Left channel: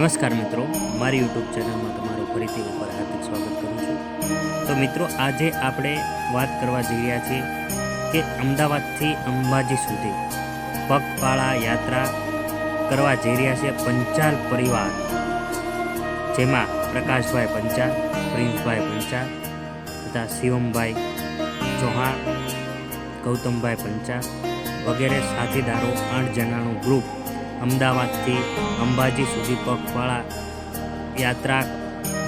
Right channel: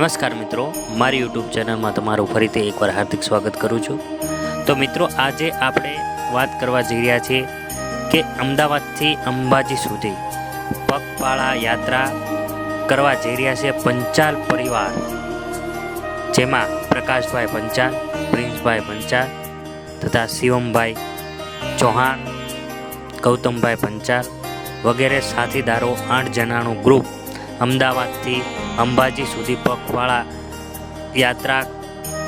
નમસ્કાર મિત્રો, મારી યુટ્યુબ ચેનલમાં તમારું ફરીથી એકવાર હાર્દિક સ્વાગત કરું છું। તો મિત્રો, આજે આપણે વાત કરવા જઈ રહ્યા છીએ કે અમદાવાદથી અંબાજી સુધી પગપાળા યાત્રા કરવા જઈ રહ્યા છે પંચાલ પરિવાર, જેમાં પ્રકાશભાઈ પંચાલ, પ્રિન્સભાઈ પંચાલ તથા શિવમભાઈ ચૌહાણ, ગૌતમભાઈ પંચાલ વગેરે સાથીદારો 8 જણાનું ગ્રુપ અમદાવાદથી અંબાજી સુધી પગપાળા યાત્રા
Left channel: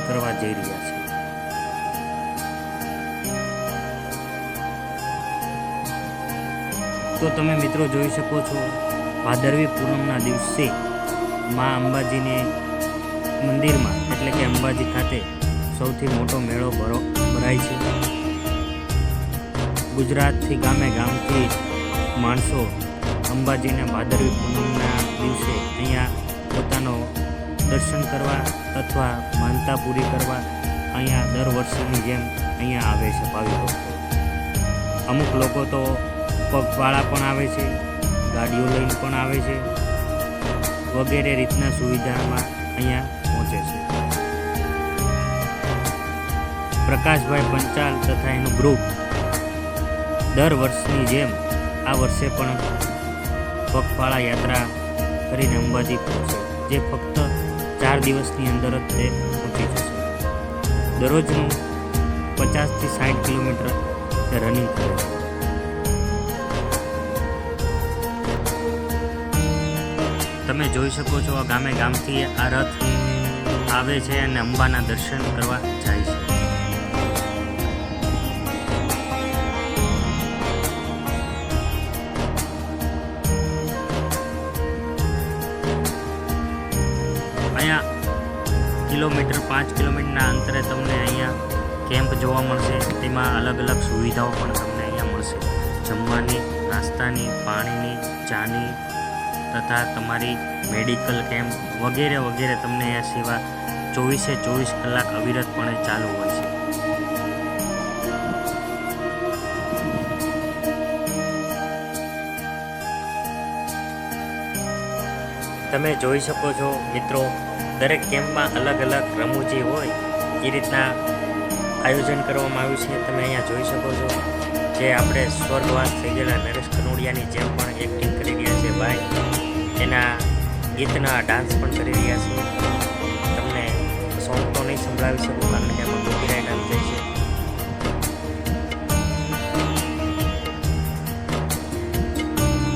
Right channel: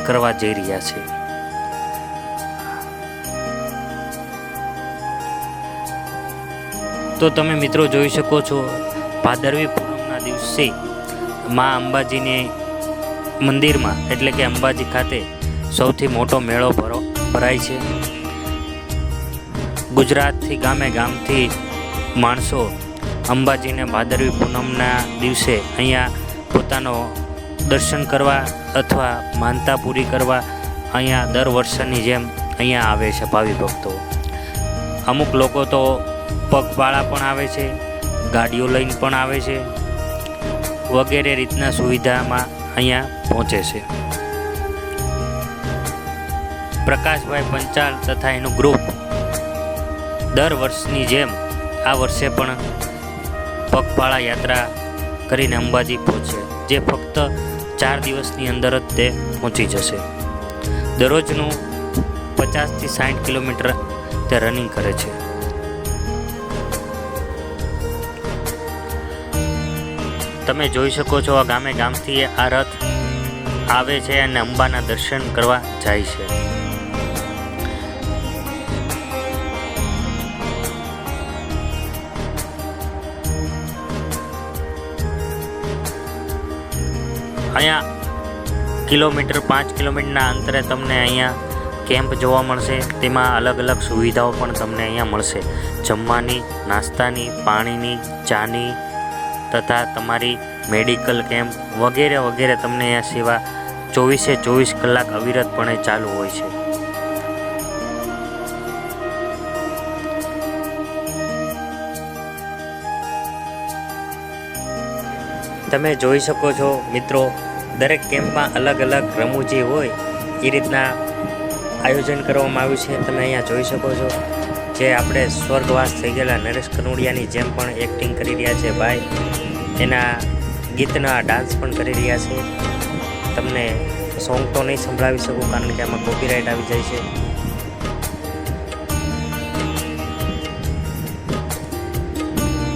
કરવા જઈ રહ્યા છે। તો તમે મિત્રો જોઈ શકો છો, ભાદરવી પૂનમના દિવસે મા અંબાજીને મંદિરમાં એટલે કે અંબાજી ખાતે સૌથી મોટો મેળો ભરાય છે। ગુજરાતથી ગામથી માણસો અંબાજીને ભાદરવી પૂનમના દિવસે અહીંયા પોતાનો દર્શન કરવા અથવા માનતા પૂરી કરવા અહીંયા દર વર્ષની જેમ અહીંયા આવે છે ભાવિ ભક્તો। અમુક લોકો તો પગપાળા પણ આવે છે, ગાડીઓ લઈને પણ આવે છે, વગેરે રીતના સુવિધામાં અહીંયા પહોંચે છે। પ્રકાશભાઈ પંચાલ તથા એનું ગ્રુપ દર વર્ષની જેમ આ વર્ષે પણ પગપાળા યાત્રા કરીને અંબાજી પહોંચે, જે ફક્ત 4 દિવસની અંદર જ તે પહોંચી જશે। દરરોજનું 50 થી 60 કિલોમીટર તે રનિંગ કરે છે। તમે જોઈ શકો છો, આ ગામથી આ રથ આવે છે અને અંબાના દર્શન કરવા જાય છે। અહીંયા 5 કિલોમીટરના અંતરે તમને અહીંયા કેમ્પ જોવા મળશે। તેમાં અલગ અલગ સુવિધાઓ પણ તમને અહીંયા મળશે, જમવાની, નાસ્તાની, પાણીની, ચાની તથા તમારી મેડિકલ કેમ્પ વગેરે વગેરે તમને અહીંયા સેવા 24 કલાક અવિરતપણે ચાલુ હોય છે। તમે જોઈ શકો છો મિત્રો, દરેક કેમ્પમાં અલગ અલગ રમૂજી હોય એ રીતના આયોજન કરવામાં આવ્યું છે। તમે અહીંયા જોઈ શકો છો, જે આપણે સ્વર્ગવાસ થઈ ગયેલા નરેશ કનોડિયાની જેમ પણ એક્ટિંગ કરી રહ્યા છે ભાઈ, એના ગીતના ડાન્સ પણ કરી રહ્યા છે। તમને સોંગ તો નહીં સંભળાવી શકું કારણ કે એમાં કોપીરાઇટ આવી જાય છે।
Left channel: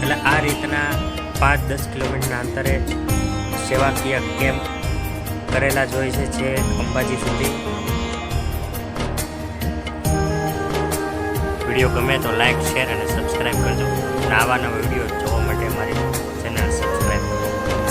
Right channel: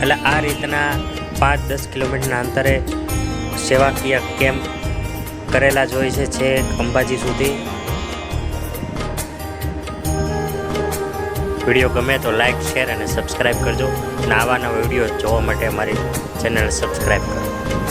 એટલે આ રીતના 5-10 કિલોમીટરના અંતરે સેવાકીય કેમ્પ કરેલા જ હોય છે અંબાજી સુધી। વિડીયો ગમે તો લાઈક, શેર અને સબસ્ક્રાઈબ કરજો, અને આવા નવા વિડીયો જોવા માટે અમારી ચેનલ સબસ્ક્રાઈબ કરો।